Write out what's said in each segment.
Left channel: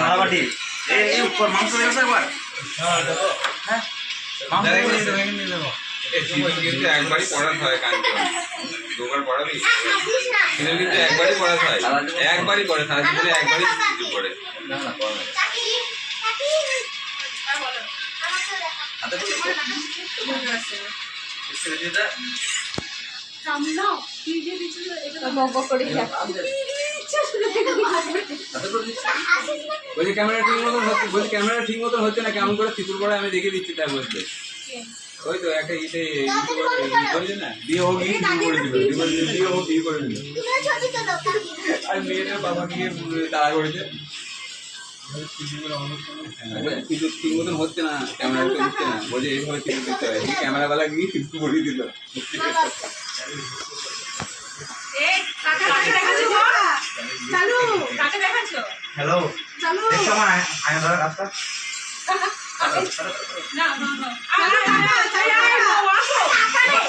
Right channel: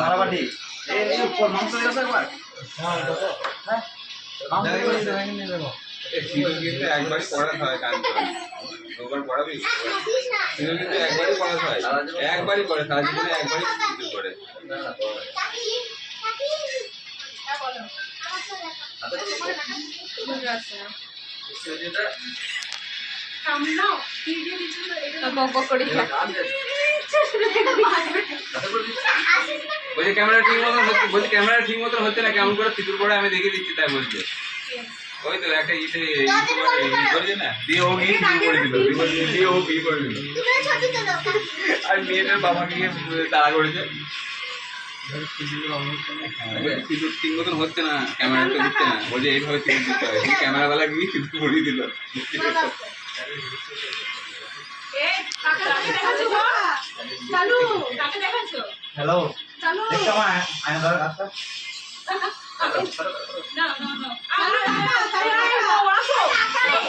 মারাবাটি এই উপর মাংস আছে একবার হ্যাঁ দেখো হ্যাঁ মাংস নিয়ে দেবো এই সিজন কিন্তু একবারই পড়াতে হয় কালকে দুবার পড়াবি সিজন কিন্তু একবারই পড়াতে হয় একবারই পড়ে সারা জীবনে একবারই কিছু পড়ে না না পড়া বলো হাতে করে সামনাও কি দিয়ে দিছিল এটা বক বক করে ইচ্ছা শুনে দেখো হাতে করে দিচ্ছি বলছি ক্যামেরা ঠিক মতন হচ্ছে বলছি ক্যামেরা ঠিক মতন হচ্ছে না কেমন করে ফিতুর পড়ে আমি দেখে দিচ্ছি তাই বলছে ওই তো একটা ইসে করেছে না দিয়ে ও গিয়ে করে দিল দিয়ে ও বিয়ে করে দিল আর মেয়েটার বাবা গিয়ে তাড়া করেছে ফিতুর ঠিক মতন হচ্ছে না ক্যামেরা তো দিচ্ছে না বলছে এইভাবে ফিতুর দিতে হয় ক্যামেরাওয়ালা গিয়ে ফিতুর করিয়ে দিল এই কাকে দেখাচ্ছো গো চালু কাকে দেখাচ্ছো হ্যালো চালু দেখো মা আয় ধর রাস্তা না না না তাই আয় ওয়াকো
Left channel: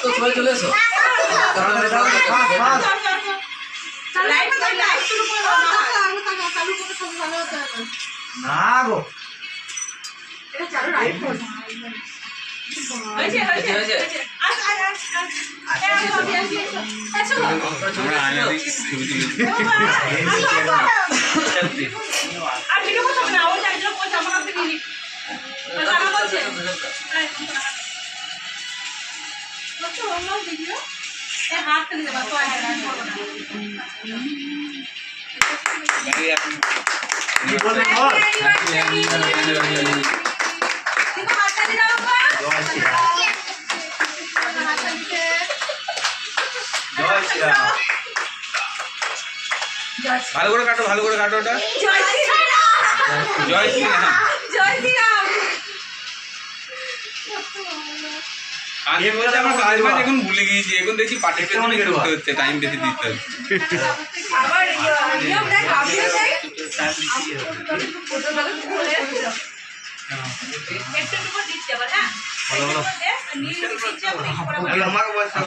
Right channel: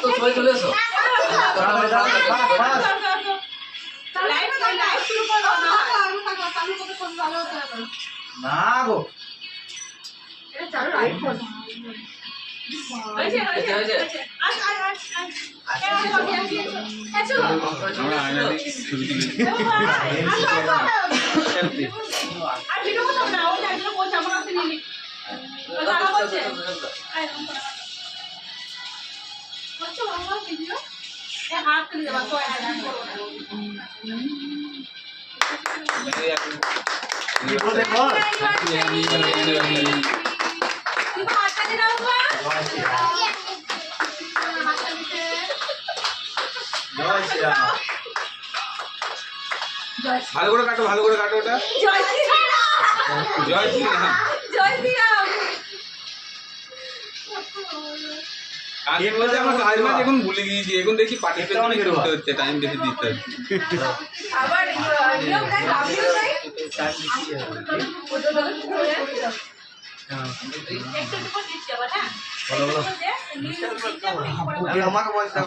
তো সবাই চলে এসো লাইভ শুরু করো না চালু করে সব ভালো হতে হবে না গো এটা চালু রাইট কর হয়েছে আমরা আনে ছবি তুলি আর ভিডিও করতে হবে না ওই একজন বলছে আমার কাছে নিয়ে নি তারা বলছে বলছো আমরা ভিডিও এ হাত ফেলে দেবা তো করবো না কি বলে বল দেখো হাতটা দিয়ে দাও বাবা জয় শ্রীরাম হাতটা দিতে জয় শ্রীরাম ভালো করে কাটো ওটা জয় শ্রীরাম জয় শ্রীরাম জয় শ্রীরাম আগে বলছে আমার কাজ বাজ এখন ভুলে গিয়েছি এখন দেখি পাটের পেছনে করতে হচ্ছে টাইম বেশি দিতে হচ্ছে আবার নিয়ম দেখ আমিও চাই একটু একটু করে দিচ্ছি আবার হ্যাঁ একটু করে দে নিয়ে দিচ্ছি আবার একটু করে আমাকে বলছ